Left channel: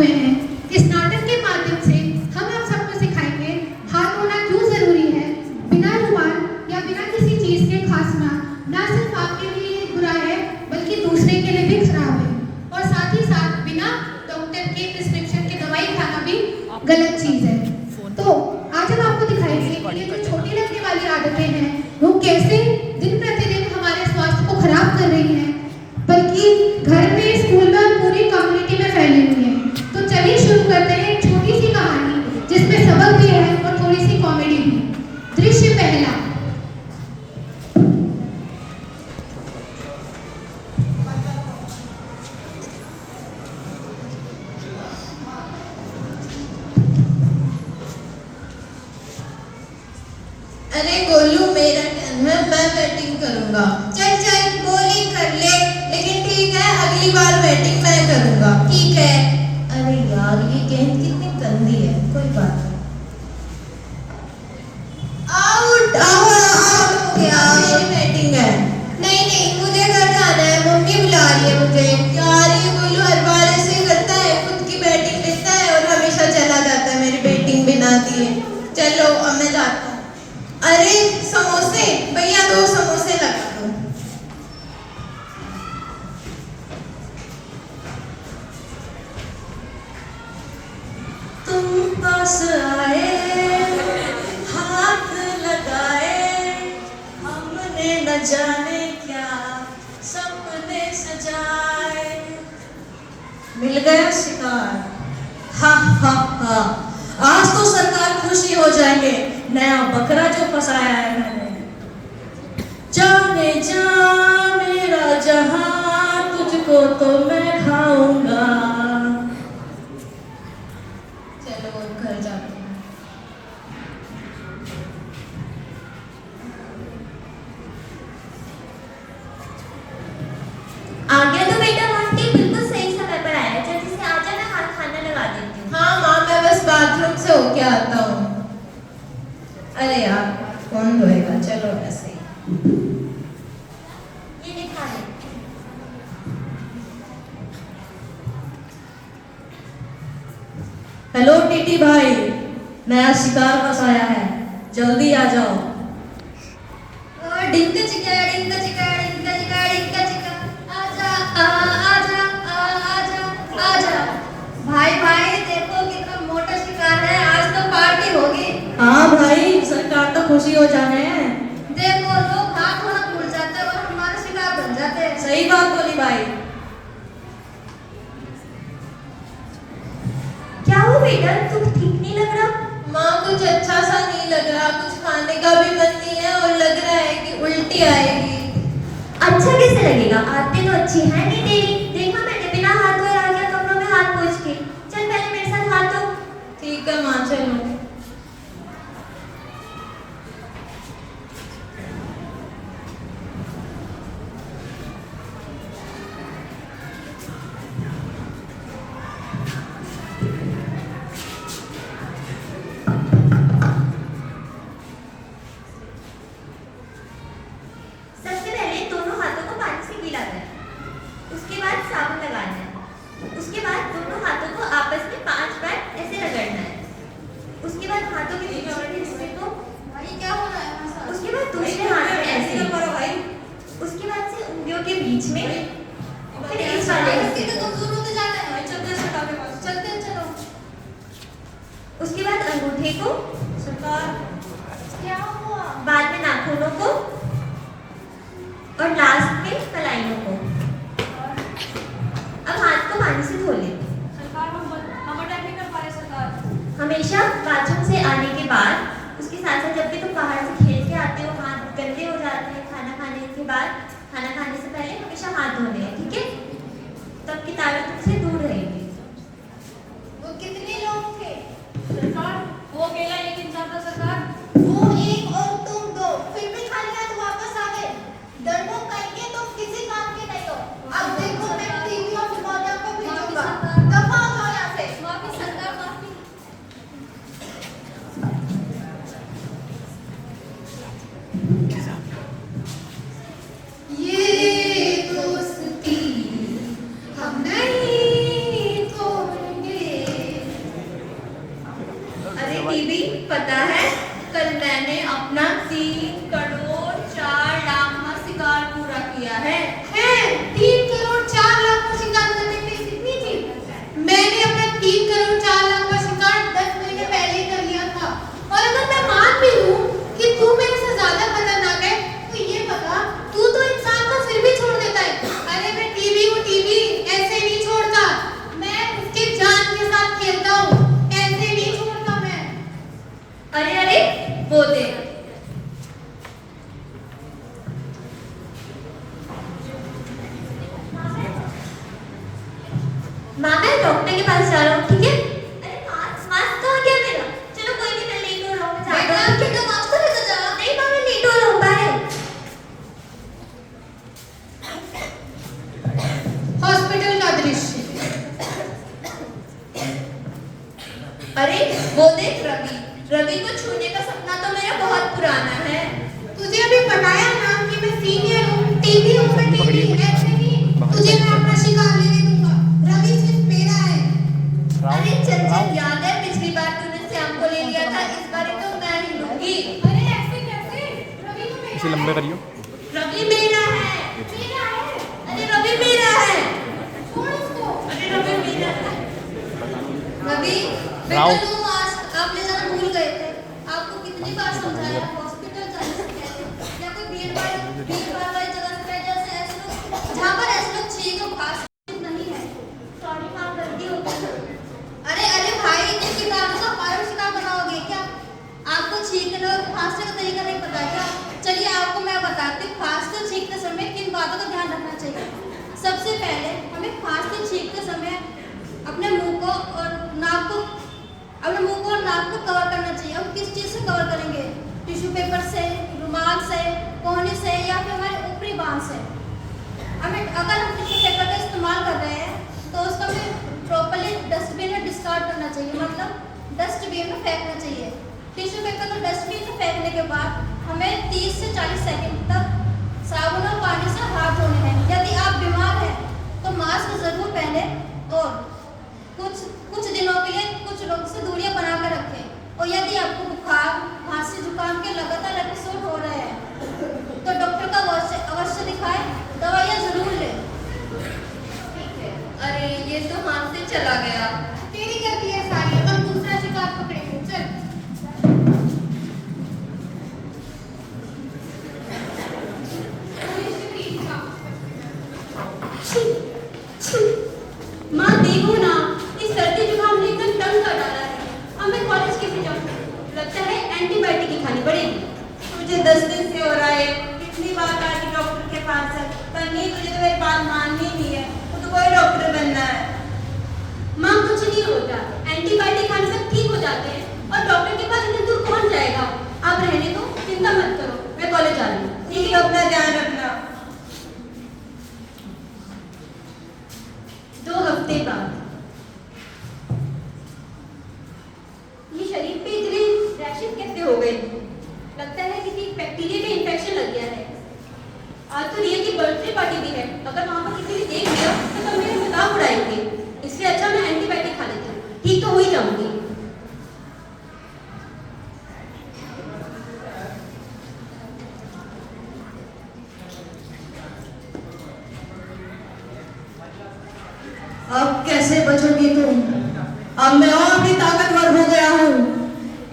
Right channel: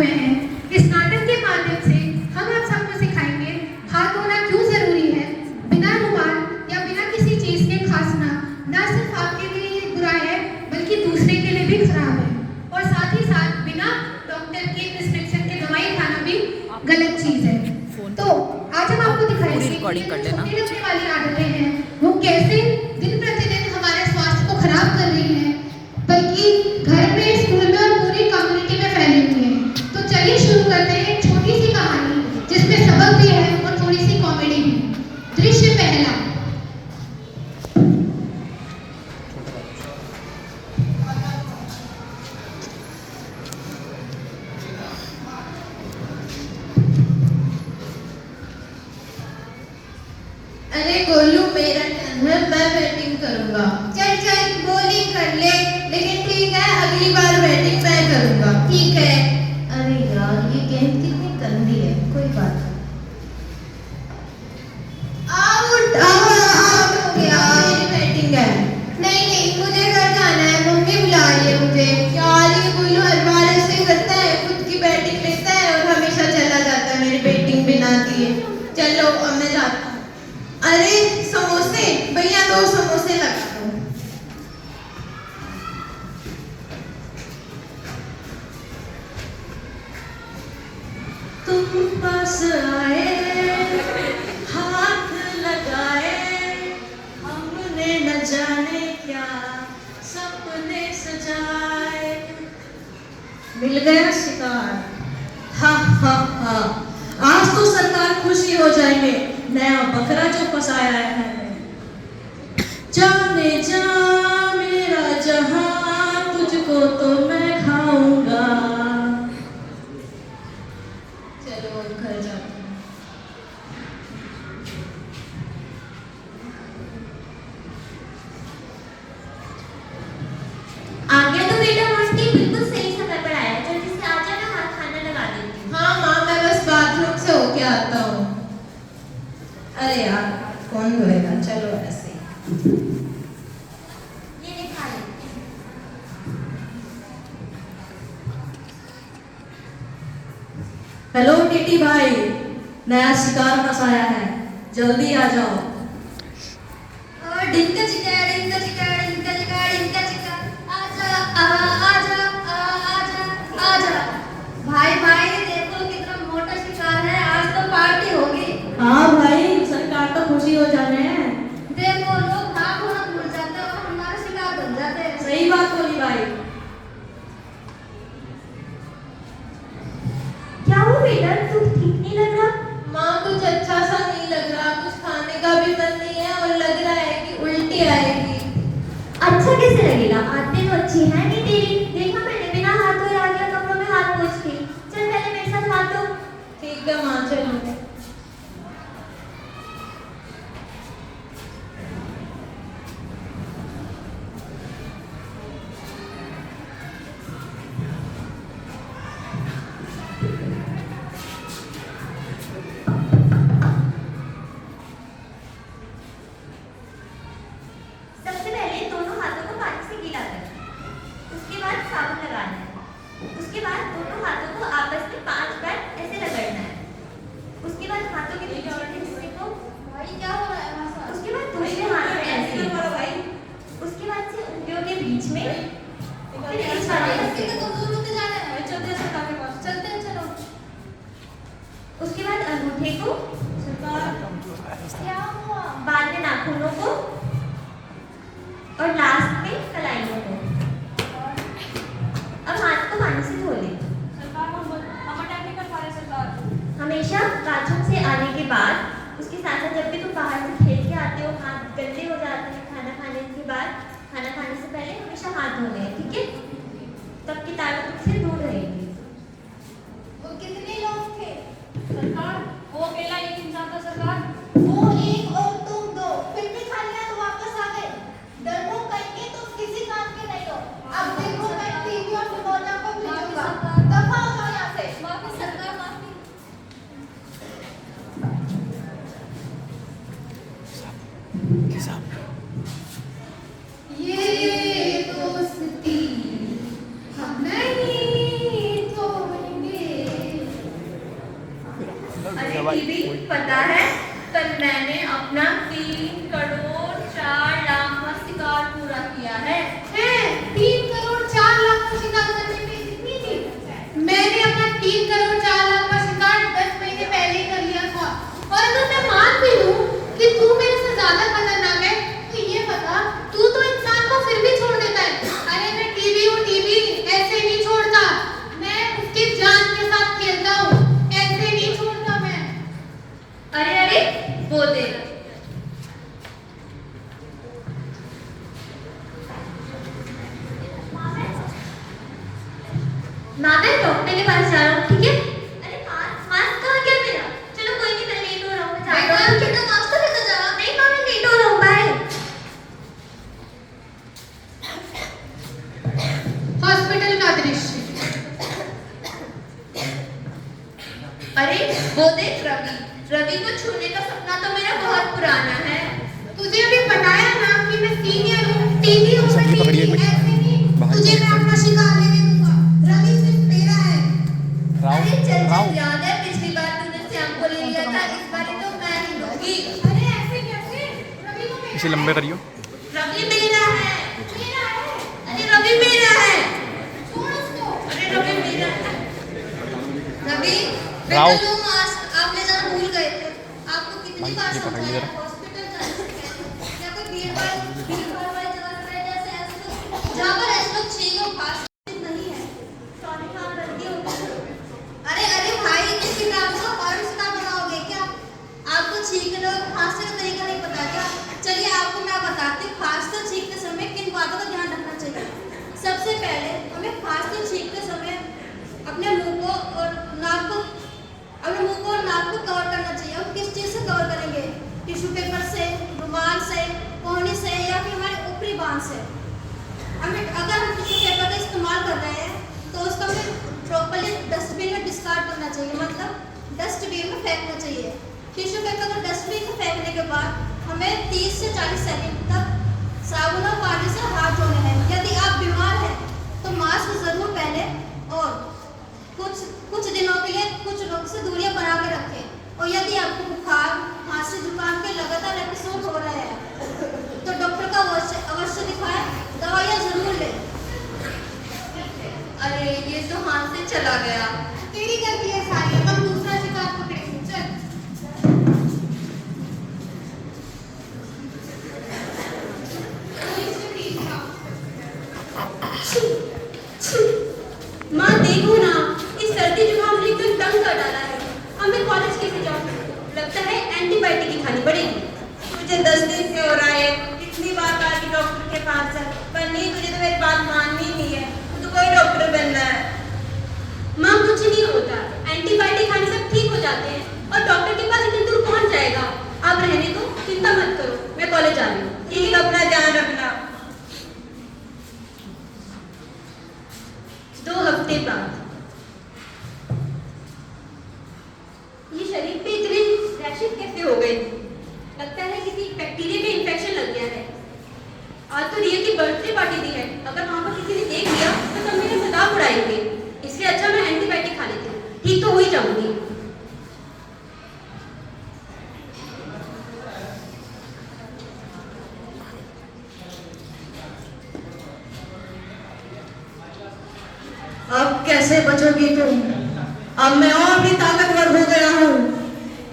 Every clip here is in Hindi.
इस नाटक के माध्यम से हम आप सबको सिखाएंगे हाथ धोना क्यों जरूरी है। बिना रुमाल या बिना किसी चीज के खांसना न सिर्फ आपके लिए बुरा है बल्कि दूसरे के लिए भी खराब है, और साथ ही साथ बिना डॉक्टर के प्रिस्क्रिप्शन के दवाई खाना भी गलत चीज है। तो आज हम आपको दिखाएंगे कि जो छोटी लगने वाली आदतें हैं वो कैसे दिन प्रतिदिन हमारे स्वास्थ्य को खराब कर रही हैं, बल्कि घर में, स्कूल में और पूरी कम्युनिटी में फैली हुई है। तो चलिए शुरू करते हैं एक छोटी सी कहानी जिसमें सबक भी है और थोड़ी सी कॉमेडी भी। दृश्य पहला। अरे गोलू, मेरा टर्न है, मैं बैटिंग करूंगा। चल चल बॉलिंग कर ले, लेकिन ठीक है अगली बार बैटिंग मैं करूंगा, ठीक है। अरे यार ये गेंद कितनी गंदी है, कोई बात नहीं। आउट आउट हो गया, मेरी बैटिंग है। नहीं नहीं मुझे घर जाना है, मम्मी बुला रही है मुझे। यार ये गोलू हर बार ऐसे करता है, खुद की बैटिंग लेता है और हमेशा चला जाता है मेरी बैटिंग बिना दिए। चलो अब मैं जाता हूँ। अरे समोसे भैया, 2 समोसे लगा दो। तुम पास आए, हाथ लगाए, हमने न जाने क्या सपने सजाए। मिल गया शिकार। हा हा हा, आज तो सरकार खुशी हो जाएंगे, नया बकरा जो फंसाया है मैंने। जाने जा मेरा जहां, तुझको तो मैं खाऊंगा। चलो घर जाते हैं। आ गया तो बेटा मस्ती, बिल्कुल सही समय पर आया। जल्दी से आजा, मैं हाथ खाना लगा देती हूँ। हाँ माँ, मैं बस बाथरूम से होके आता हूँ। अरे यार कौन धोएगा, चलो ऐसे ही। ये दिखा ले। हेलो टीटी भाई, नया शिकार फंसाया है, जल्दी आ जाओ। डिंका चिका डिंका चिका डिंका चिका डिंका चिका, आजा आजा आजा आजा। भाई भाई देखो कितना मोटा शिकार है, आज तो पार्टी होगी। हाँ भाई, सरकार तो खुशी हो जाने हैं। देखो लोग हाथ धोना भूल जाते हैं और हमारे शिकार बन जाते हैं। सही बात बोली भाई। क्या हुआ बेटा, तुम ठीक नहीं लग रहा? माँ कुछ अच्छा सा नहीं लग रहा, कुछ खाने का भी मन नहीं है और लग रहा है कि उल्टी आएगी। अच्छा कैसे लगेगा, आदतें तो अच्छी है नहीं तेरी। देखा मैंने बिना हाथ धोए आ गया कमरों में हाथ पोंछ के। चल पहले मेरे साथ हाथ धो। ठीक है माँ, चलो। सबसे पहले दोनों हाथों को पानी से गीला कर, उसके बाद साबुन लगाना है। उसके बाद दोनों हाथों को आपस में 5 बार ऐसे रगड़ना है। उसके बाद हाथों के निचले हिस्से को, भाई क्या हो रहा है हमारे साथ? उसके बाद दूसरे हाथ में ऐसे करो भाई। उसके बाद से उंगलियों के बीच में, फिर इस वाले हिस्से को। कमजोर होते जा रहे हैं। चलते हैं सरकार के पास। चलते हैं, चलो। उसके बाद अंगूठे को, सरकार क्या हुआ? बाद में नाखूनों को और लास्ट में कलाइयों को। अब हाथ को पानी से धो लें। सरकार हम अटैक नहीं कर पा रहे सरकार। हमेशा बाथरूम से आने के बाद, उसके साथ साथ जब भी तुम बाहर से खेल के आते हो, हाथ गंदे हो जाते हैं। खाना खाने के बाद, खाना खाने से पहले हमेशा हाथ धोने हैं, ठीक है? तब की ताकत तुमसे दूर रहेगी। वो कितने लोग थे सरकार? वो अकेला एक इंसान था सरकार। वो एक और तुम 2, फिर भी खाली हाथ वापस आ गए। डरपोक करके तुम किसी काम के नहीं हो। अब देखो मैं टीवी और निमोनिया को भेजूंगा। दफा हो जाओ यहाँ से। वापस सरकार माफी। ये दोस्ती हम नहीं अरे वो देख रवि, रवि को छूने का सपना तो मेरा बहुत पुराना है। तुझे अभी बताया ना कि मैं सीनियर हूँ, टीवी हूँ, मैं टीवी ऐसे नहीं तुझे मैं अपना शिकार लेने दूंगा। रवि सिर्फ मेरा है। अरे चल चल, याद है पिछली बार तूने श्याम को ले लिया था, इस बार तो मैं ही लूंगी। अरे ऐसे कैसे? रवि तो मेरा इसे लंबे करियो। रवि मेरा है। अरे रवि मेरा है। छोड़ उसको। अरे रवि मेरा है। रवि राव। बेटा तुम मास्क आप ले जाना भूल गए थे। आपको कितनी बार समझाया हॉस्पिटल जाने से पहले या कोई भीड़ भाड़ वाली जगह से बैठ जैसे ऐसे लोग जहाँ पर ऐसे लोग छींको खास नहीं है। सॉरी माँ, गलती हो गई। अरे अरे भाई किसी रात का पारण शिकार बनाओगे क्या? आपको छींकने और खांसने का तरीका नहीं पता क्या? चलिए आपको मैं बताती हूँ खांसते और छींकते समय किन बातों का ध्यान रखना चाहिए। सबसे पहले हमें खांसते छींकते समय अपने मुंह को और नाक को कवर करना चाहिए। हम किस चीज़ से कवर करेंगे? टिश्यू पेपर से, रुमाल से, कोहनी से या फिर हमारे ऊपरी बांह से। हमें अगर हम टिश्यू पेपर का इस्तेमाल कर रहे हैं तो उसको हमें प्रॉपर्ली डस्टबिन में डिस्कार्ड करना चाहिए, मतलब डस्टबिन में फेंकना चाहिए। टिश्यू पेपर को डस्टबिन में फेंकने के बाद हमें 30 से 40 सेकंड तक साबुन और पानी से हाथ धोने हैं। यदि आप बीमार हैं तो मास्क जरूर पहने और कुछ दिनों के लिए कुछ लोग से दूरियां बना के रखें। और यदि आपको बुखार, खांसी, जुकाम के लगातार एपिसोड हो रहे हैं तो डॉक्टर का अवश्य दिखाएं, दवाइयाँ जरूर लें। अरे ये तो हाथ से चला गया। तेरी गलती है सारी। हम दूसरा शिकार पकड़ेंगे। चल। माँ देखो ना, इस सर्दी जुकाम ने एकदम तंग कर डाला है। अब मैं कॉलेज कैसे जाऊँ? लगता है एंटीबायोटिक ही खानी पड़ेगी। मुझे 10 दिन से हो रहा है, कितनी बार गई डॉक्टर के पास चल, पर नहीं तुझे तो मेरी बात माननी नहीं है, तो कोई डॉक्टर बनना है। माँ कुछ नहीं होता, एंटीबायोटिक खाने से ठीक हो जाते हैं और डॉक्टर के पास इतनी दूर कौन जाएगा? आप रहने दो, चिंता मत करो, मैं कॉलेज आ रही हूँ। ठीक है, अपना ध्यान रखना। 2 हफ्ते बाद ये शरीर पे इतने रैशेस कैसे हो गए? लगता है किसी बैक्टीरिया में इन्फेक्शन लग गया है। आज तो रिया की बर्थडे पार्टी भी है, अगर वहां पर किसी ने देख लिया तो सब मेरे मजाक उड़ाएंगे। इसलिए अच्छा मैं एंटीबायोटिक खा लेती हूँ, ठीक तो हो ही जाऊंगी। अब कैसे बचोगी तुम? अब मैं और भी ताकतवर हो गया हूँ।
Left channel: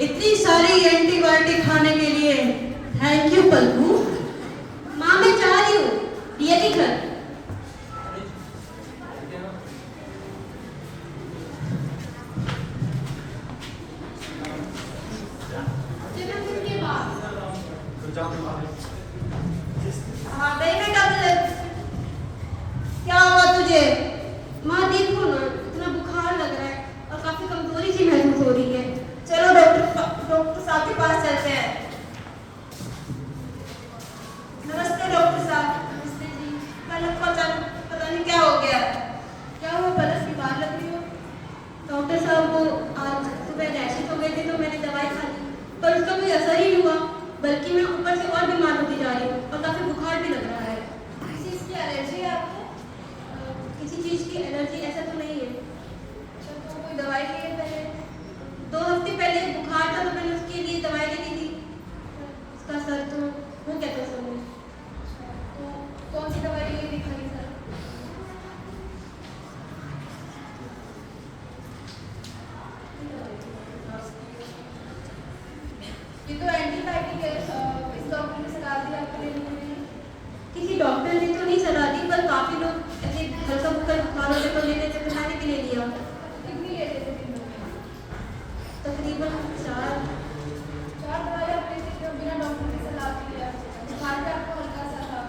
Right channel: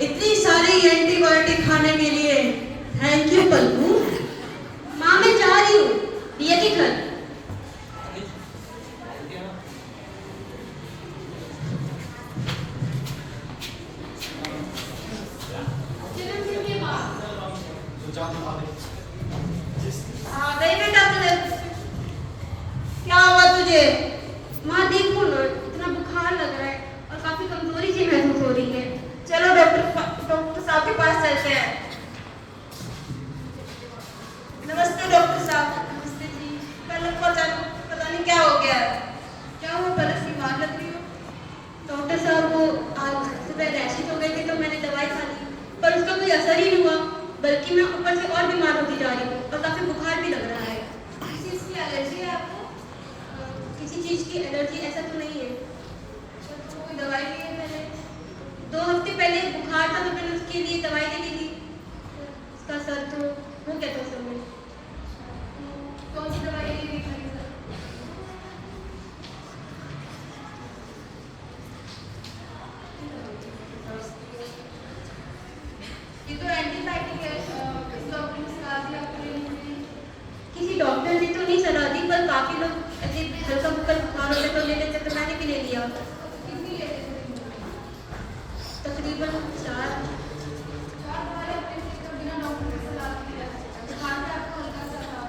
इतनी सारी एंटीबायोटिक खाने के लिए थैंक यू पल्लू। माँ मैं जा रही हूँ रिया के घर। जन्मदिन के बाद हाँ गई बेटा कॉलेज। क्या हुआ तुझे? माँ देखो ना, इतना बुखार लग रहा है और काफी कमजोरी सी महसूस हो रही है। चलो डॉक्टर साहब के पास चलते हैं। नमस्ते डॉक्टर साहब। नमस्ते जी। पहले पता नहीं क्या हो गया। क्या हुआ, बरस बीमार लग रही हो? डॉक्टर साहब वो आज सुबह रैशेस हो गए थे तो मैंने दवाई खा ली, पर उसका कोई असर ही नहीं हुआ, बल्कि मैं ऊपर से और बीमार होती जा रही हूँ और काफी बुखार भी लग रहा है। किसी चीज की एलर्जी है आपको? किसी चीज की एलर्जी ऐसा तो नहीं है। तो कोई दवाई ली है पहले? 2 हफ्ते पहले बुखार था तो मैंने उसके लिए दवाई लेनी थी। उसका सर तो वो कहता है समय। कौन सी दवाई ली थी खाली सर? ये तो एंटीबायोटिक है। इस डॉक्टर ने सलाह दी आपको लेनी चाहिए। किसी डॉक्टर ने तो नहीं सलाह दी, पर काफी लोग ऐसे हल्का फुल्का बुखार होते तो ले लेते, तो मैंने भी ले लिया। कितनी ले लेते थे दिन में? तकरीबन 4। 4 दवाई अपने से तो बिना डॉक्टर की सलाह के ले सकते हैं। बुखार का आपको हल्का सा था,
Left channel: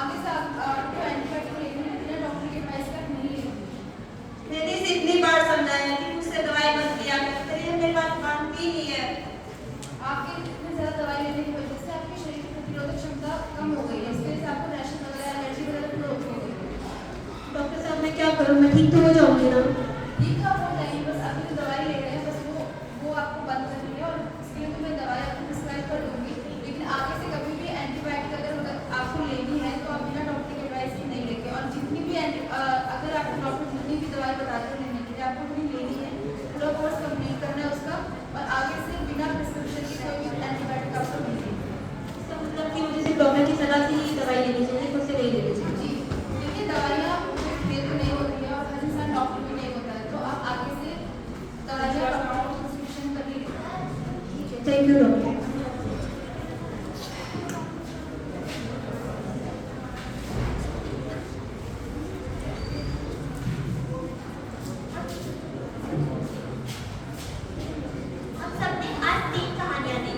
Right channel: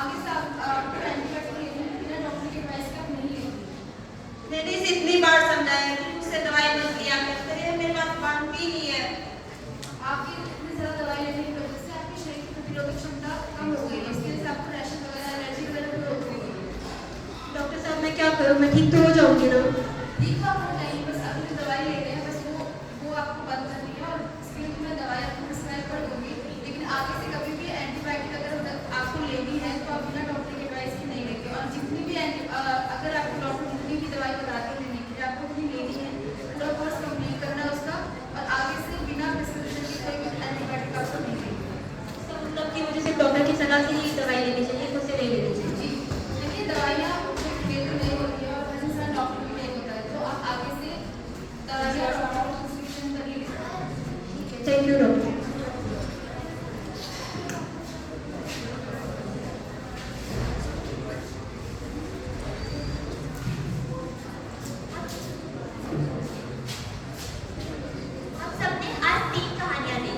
आगे से आपको एंटीबायोटिक लेनी है, बिना डॉक्टर के एडवाइस का नहीं लेनी। मैंने इसे इतनी बार समझाया कि मुझसे दवाई मत लिया कर, मेरी बात मानती नहीं है। आपकी थैंक यू डॉक्टर। हम सबने आज 3 कहानियां दी,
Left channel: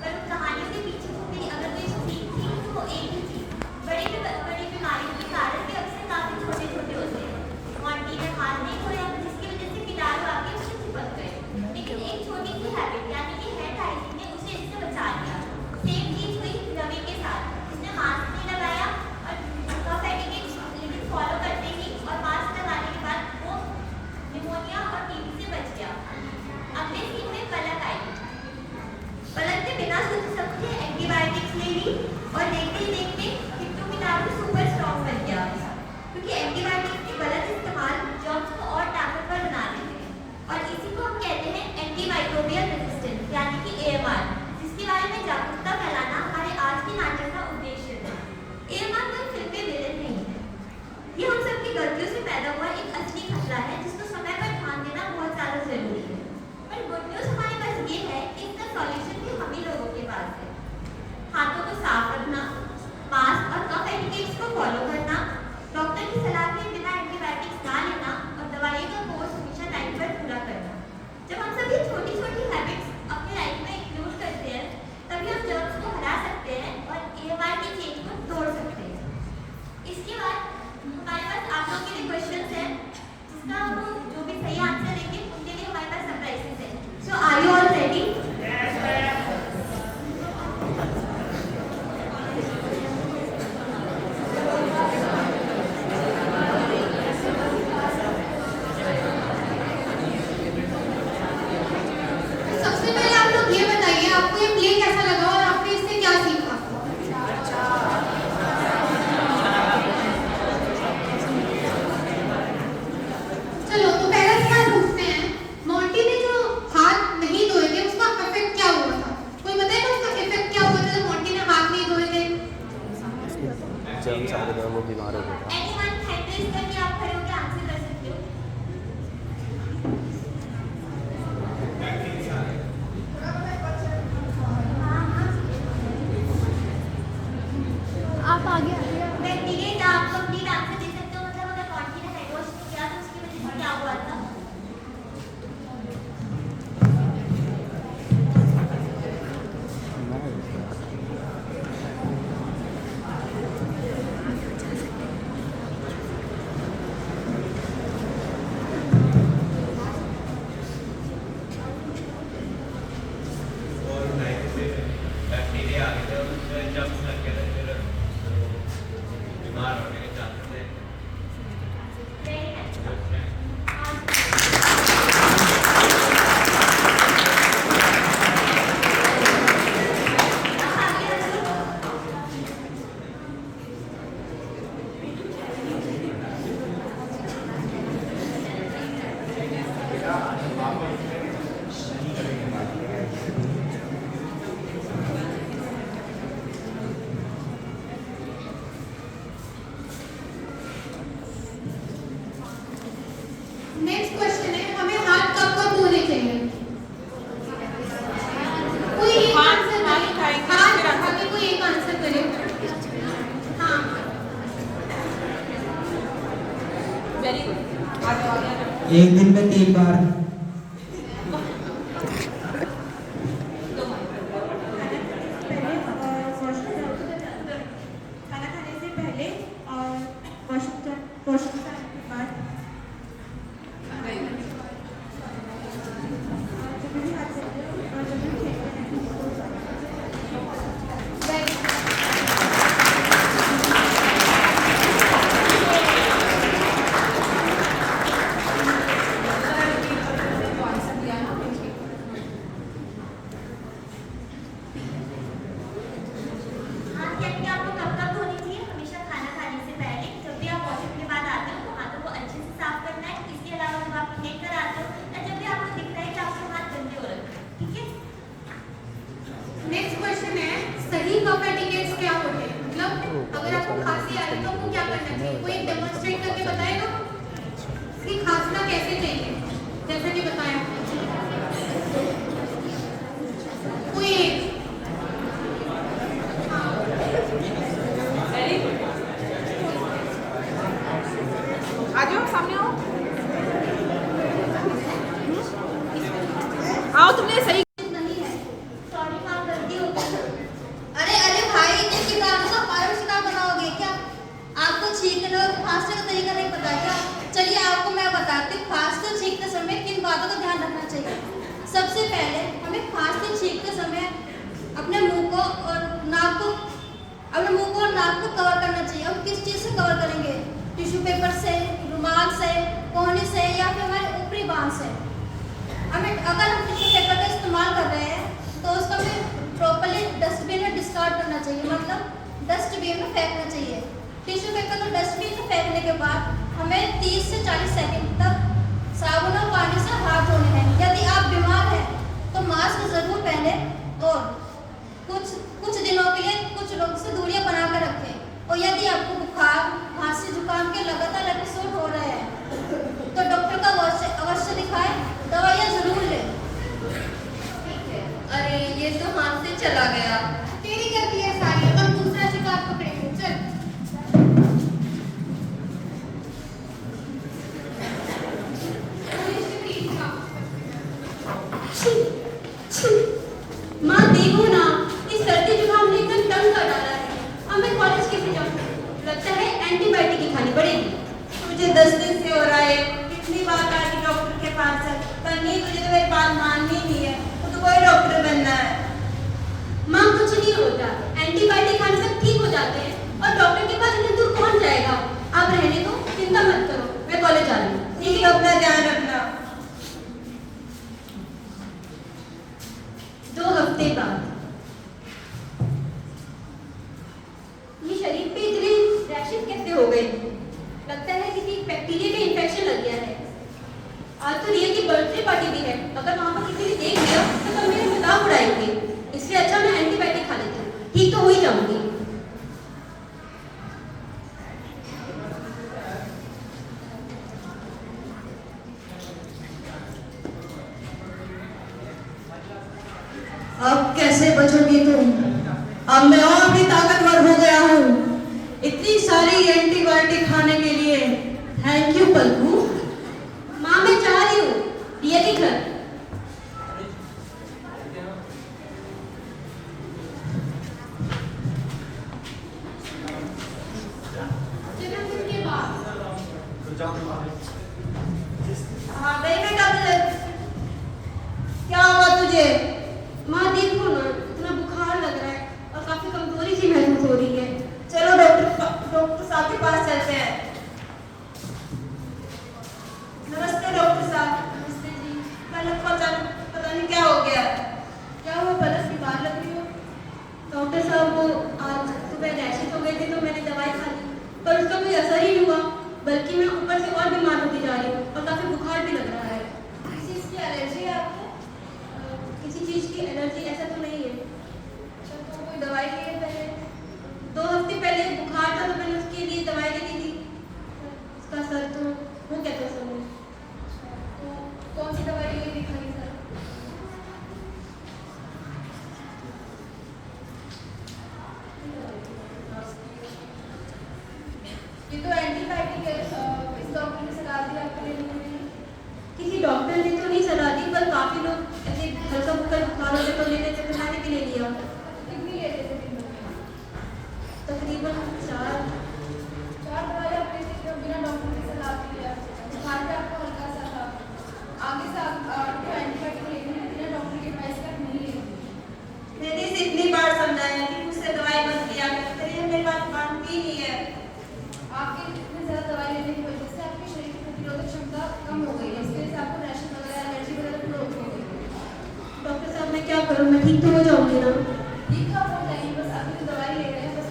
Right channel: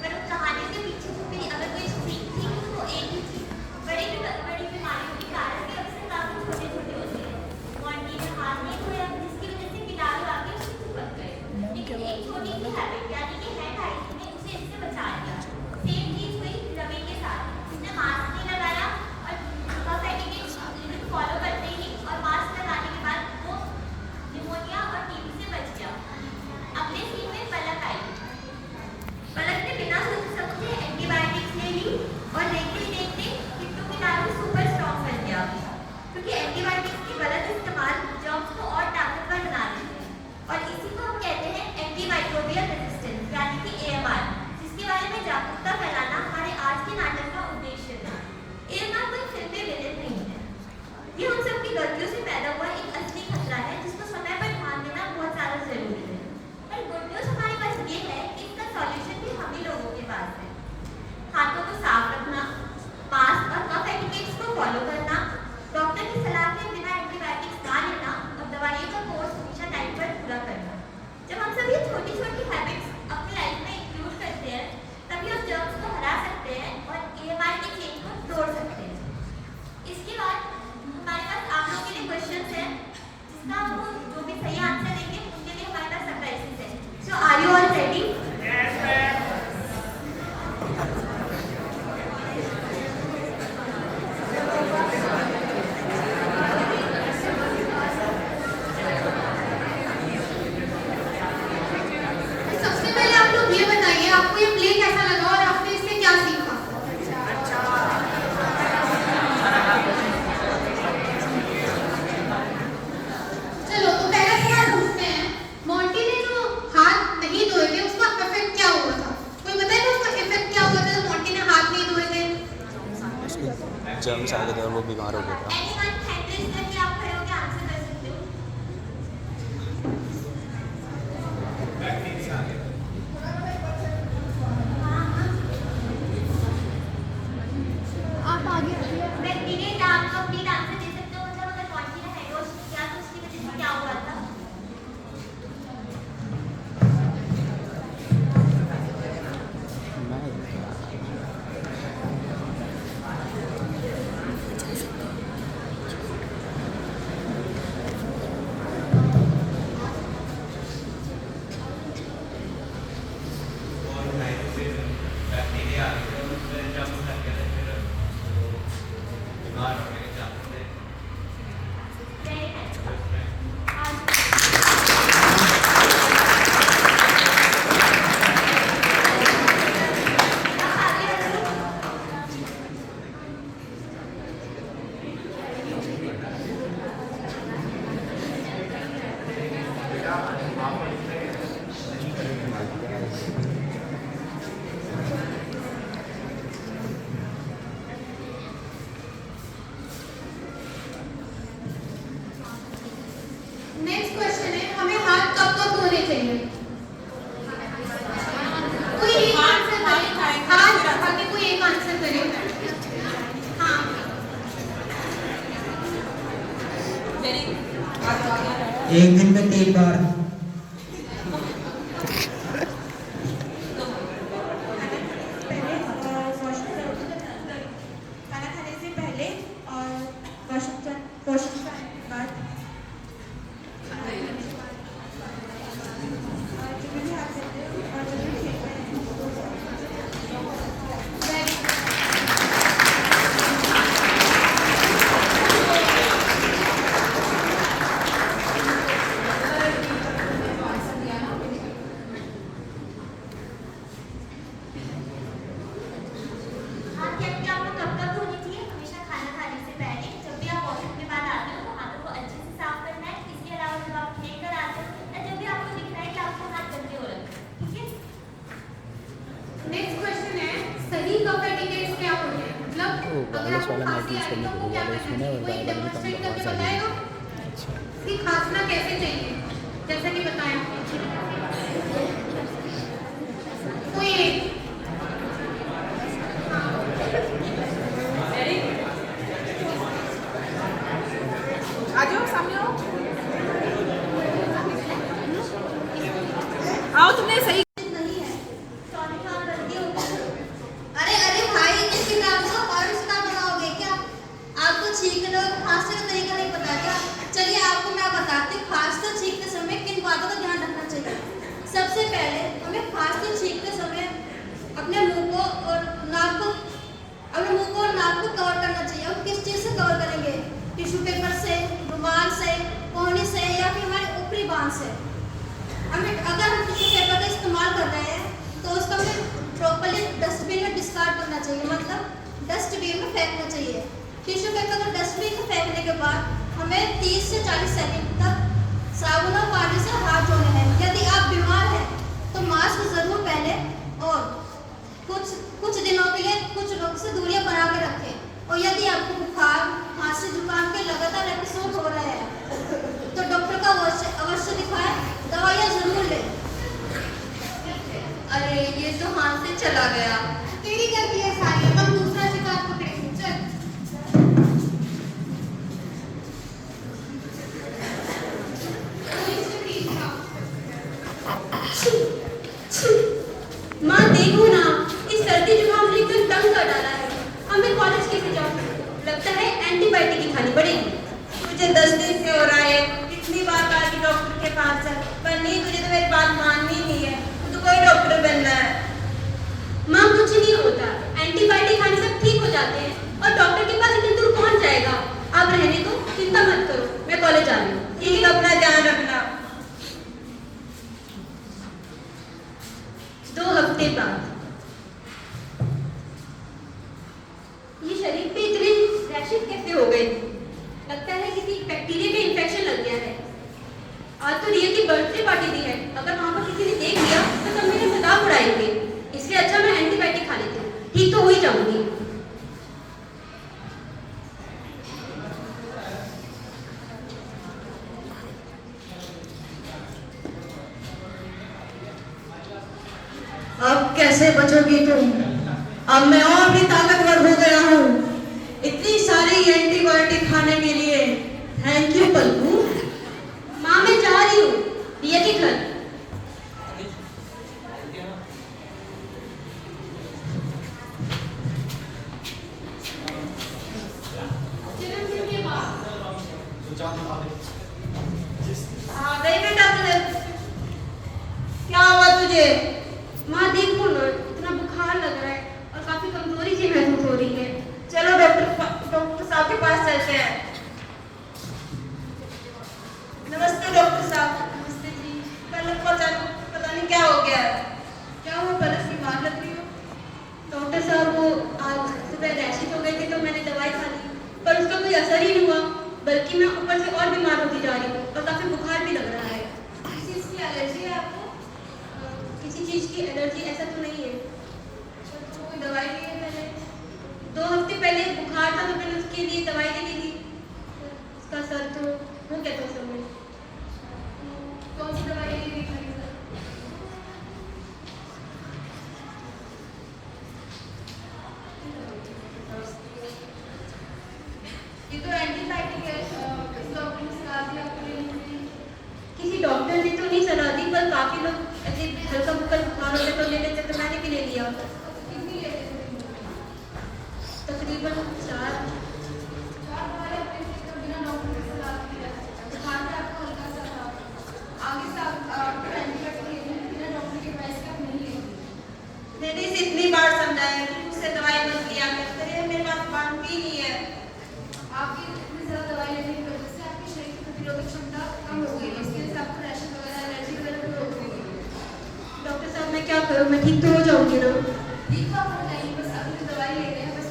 पर उन कहानियों के पीछे छुपी अगर कोई सीख थी तो वो एक ही थी। बड़ी बीमारियों के कारण भी अक्सर काफी छोटे-छोटे होते हैं। मॉन्टी ने हाथ नहीं धोया जिसकी वजह से कीटाणु आके उससे चिपक गए, लेकिन एक छोटी सी हैबिट यानी कि हैंड हाइजीन ने उसे इससे बचा लिया। सेम चीज हुई रवि के साथ। उसने मास्क नहीं लगाया और कफ एटिकेट लिमिट फॉलो करते ही और मास्क लगाने के बाद वो निमोनिया और टीबी से बच गया। अगले सीन में पलक आई। पलक ने बिना सोचे समझे एंटीबायोटिक्स ले ली और देखते ही देखते किट्टू कीटाणु सुपर स्ट्रॉन्ग बन गया, क्योंकि एंटीबायोटिक्स के गलत इस्तेमाल जर्म्स को और ताकतवर बना देते हैं और इसी को हम कहते हैं एंटीमाइक्रोबियल रेजिस्टेंस यानी कि AMR, जिसके बारे में जागरूकता फैलाना हमारे आज के नाटक का उद्देश्य था। AMR कोई फिल्मी विलेन नहीं है, ये हम सबकी गलतियों से पैदा हुआ एक असली खतरा है जिसको समय पर ध्यान देना बहुत ज्यादा जरूरी है। पर गुड न्यूज हमारे पास ये है कि इसका सॉल्यूशन भी हम ही लोगों के पास है। हाथों को साफ रखना, मास्क और कफ एटिकेट्स को फॉलो करना, डॉक्टर की सलाह के बिना एंटीबायोटिक्स ना लेना और दवाइयों का कोर्स हमेशा टाइम पर पूरा करना। जब हम सब ये छोटी-छोटी हैबिट्स अपनी लाइफ में इंक्लूड करते हैं, तभी हम जर्म्स को हरा सकते हैं और AMR की चेन को तोड़ सकते हैं। इसके बाद हमारे पास आप लोगों के लिए क्वेश्चंस हैं, जिसका वो जो भी सही आंसर देंगे उनके लिए हमारे पास सरप्राइजेस हैं। सो आर यू ऑल रेडी? सबसे पहले आप लोग ये बताइए आपको ये प्ले कैसा लगा और आपने इससे क्या सीखा? चलो तो पहला सवाल पूछते हैं। मॉन्टी ने जो हाथ नहीं धोए थे उसका इफेक्ट क्या हुआ था? कोई बताएगा उसका इफेक्ट क्या हुआ था जब मॉन्टी ने हाथ नहीं धोए थे? जर्म्स आ गए थे और वो बीमार हो गया था। एनीवन हैंड रेज करके आप खड़े होकर आंसर कर सकते हो। आप आगे आइए। व्यक्तिगत आप कंप्लीट आंसर दे सकते हो, मतलब अगर मॉन्टी ने हैंड वॉश नहीं किया तो उसकी वजह से क्या हुआ था? नेक्स्ट क्वेश्चन है, हमें हाथ कब कब धोने चाहिए? कोई एक आंसर करे। हाँ, आगे कोई एक आंसर करे। हाँ, एक दिन में 3 बार। खाना खाने से पहले और वॉशरूम जाने के बाद हाथ की आपको कब कब धोनी चाहिए? हमेशा खाना खाने से पहले। जब भी आप वॉशरूम के बाद आते हो तो हाथों को अच्छे से साफ करना है। इसके अलावा जब आप खेल कर आते हो या जब भी आपको दिख रहा है कि आपके हाथ गंदे हो रखे हैं, ठीक है? नेक्स्ट क्वेश्चन है, सही कफ एटिकेट्स क्या होते हैं? मतलब अगर आपको खांसी आई तो आपको क्या करना चाहिए? कोई डेमोंस्ट्रेट करके बताएगा कि खांसना कैसे चाहिए, जैसे कि बताया। हाँ तुमने सही नहीं है। सॉरी मैम, गलती हो गई। अरे अरे भाई, इतने कीटाणु का हमारा शिकार बनाओगे क्या? आपको छींकने और खांसने का तरीका नहीं पता क्या? चलिए आपको मैं बताती हूँ, खांसते और छींकते समय किन बातों का ध्यान रखना चाहिए। सबसे पहले हमें खांसते और छींकते समय अपने मुंह को और नाक को कवर करना चाहिए। हम किस चीज़ से कवर करेंगे? टिश्यू पेपर से, रुमाल से, कोहनी से या फिर हमारे ऊपरी बांह से। अगर हम टिश्यू पेपर का इस्तेमाल कर रहे हैं तो उसको हमें प्रॉपर्ली डस्टबिन में डिस्कार्ड करना चाहिए, मतलब डस्टबिन में फेंकना चाहिए। टिश्यू पेपर को डस्टबिन में फेंकने के बाद हमें 30 से 40 सेकंड तक साबुन और पानी से हाथ धोने हैं। यदि आप बीमार हैं तो मास्क जरूर पहने और कुछ दिनों के लिए कुछ लोगों से दूरियां बना कर रखें। और यदि आपको बुखार, खांसी, जुकाम के लगातार एपिसोड हो रहे हैं तो डॉक्टर का अवश्य दिखाएं, दवाइयाँ जरूर लें। अरे ये तो हाथ से चला गया। तेरी गलती है सारी, हम दूसरा शिकार पकड़ेंगे। चल माँ देखो ना, इस सर्दी जुकाम ने एकदम तंग कर डाला है। अब मैं कॉलेज कैसे जाऊँ? लगता है एंटीबायोटिक ही खानी पड़ेगी। मुझे 10 दिन से हो रहा है, कितनी बार कहा कि डॉक्टर के पास चल, पर नहीं, तुझे तो मेरी बात माननी नहीं है। तुझे कोई डॉक्टर बनना है। माँ कुछ नहीं होता, एंटीबायोटिक खाने से ठीक हो जाते हैं और डॉक्टर के पास इतनी दूर कौन जाएगा? आप रहने दो, चिंता मत करो, मैं कॉलेज आ रही हूँ। ठीक है, अपना ध्यान रखना। 2 हफ्ते बाद ये शरीर पे इतने रैशेस कैसे हो गए? लगता है किसी बैक्टीरिया का इन्फेक्शन लग गया है। आज तो रिया की बर्थडे पार्टी भी है, अगर वहां पर किसी ने देख लिया तो सब मेरे मजाक उड़ाएंगे। इसलिए अच्छा मैं एंटीबायोटिक खा लेती हूँ, ठीक तो हो ही जाऊंगी। अब कैसे बचोगी तुम? अब मैं और भी ताकतवर हो गया हूँ, इतनी सारी एंटीबायोटिक खाने के लिए। थैंक यू पल्लू। माँ मैं जा रही हूँ रिया के घर। हाँ गई बेटा कॉलेज। क्या हुआ तुझे? माँ देखो ना, इतना बुखार लग रहा है और काफी कमजोरी सी महसूस हो रही है। चलो डॉक्टर साहब के पास चलते हैं। नमस्ते डॉक्टर साहब। नमस्ते जी। पलक को पता नहीं क्या हो गया है। क्या हुआ पलक, बीमार लग रही हो? डॉक्टर साहब वो आज सुबह रैशेस हो गए थे तो मैंने दवाई खा ली, पर उसका कोई असर ही नहीं हुआ, बल्कि मैं ऊपर से और बीमार होती जा रही हूँ और काफी बुखार भी लग रहा है। किसी चीज़ की एलर्जी है आपको? किसी चीज की एलर्जी ऐसा तो नहीं है। तो कोई दवाई ली है पहले? 2 हफ्ते पहले बुखार था तो मैंने उसके लिए दवाई देखी थी, उसका सर तो वो कहते हैं समय। कौन सी दवाई लेके दिखाई सर? ये तो एंटीबायोटिक है, इस डॉक्टर ने सलाह दी आपको लेने के लिए। किसी डॉक्टर ने तो नहीं सलाह दी, पर काफी लोग ऐसे हल्का फुल्का बुखार होता तो ले लेते, तो मैंने भी ले लिया। कितनी ले रहे थे दिन में? तकरीबन 4। 4 दवाई आपने तो बिना डॉक्टर की सलाह के लिया। बुखार भी आपको हल्का सा था। आगे से आपको एंटीबायोटिक लेनी है, बिना डॉक्टर के एडवाइस के आप नहीं लेंगे। मैंने इसे इतनी बार समझाया कि मुझसे दवाई मत लिया कर, पर ये मेरी बात मानती नहीं है। आपकी इतनी ज़्यादा दवाई लेने की वजह से आपके शरीर की प्रतिरोधक क्षमता कम हो गई है, इसकी वजह से आपको रैशेस वगैरह, एलर्जी वगैरह भी हो गई। डॉक्टर साहब मैं क्या करूँ, मैं ठीक तो हो जाऊंगी ना? ठीक तो आप हो जाएंगे, बस अभी जो दवाई ले रहे हैं बस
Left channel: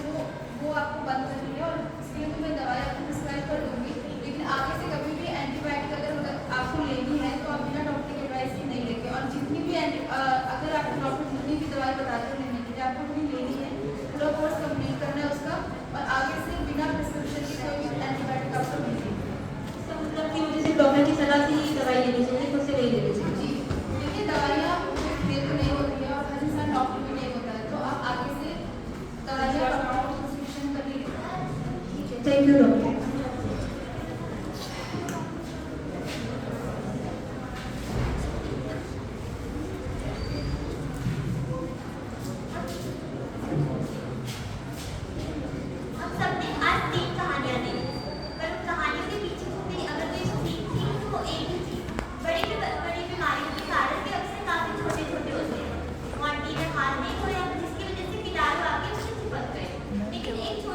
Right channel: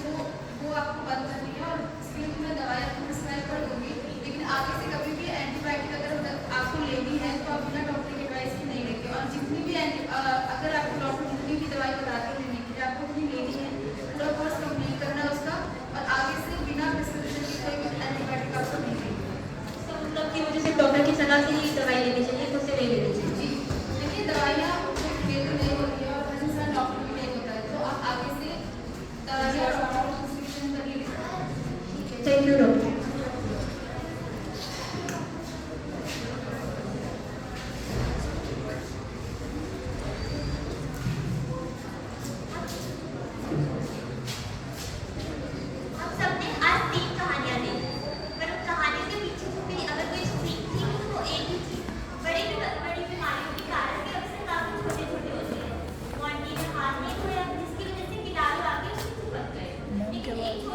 वो आपको बंद करनी है और इसके लिए मैं दवाई आपको प्रिस्क्राइब कर दूंगी। लेकिन आगे से कभी भी एंटीबायोटिक अगर आपको लेनी है तो आप बिना डॉक्टर की एडवाइस के नहीं लेंगे। और जितनी भी अगर आपको डॉक्टर जितनी भी दवाई बताते हैं लेने के लिए, आपको उतनी लेनी है, पूरा कोर्स कंप्लीट करना है उसका, और आगे से बिना प्रिस्क्रिप्शन की कोई भी एंटीबायोटिक आपको नहीं लेनी। तो मतलब कि मुझे सिर्फ डॉक्टर की सलाह से ही दवाई लेनी चाहिए, मुझसे नहीं लेनी चाहिए। जी, देखिए दवाइयाँ खेत में नहीं होती है और हर इंसान डॉक्टर भी नहीं होता है, तो आप आगे से दवाइयाँ और प्रिस्क्रिप्शन पर ही लें। Thank you doctor.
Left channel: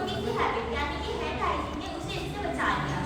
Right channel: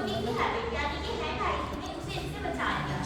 स्मोकिंग की हैबिट यानी कि हैंड हाइजीन ने उसे इससे बचा लिया।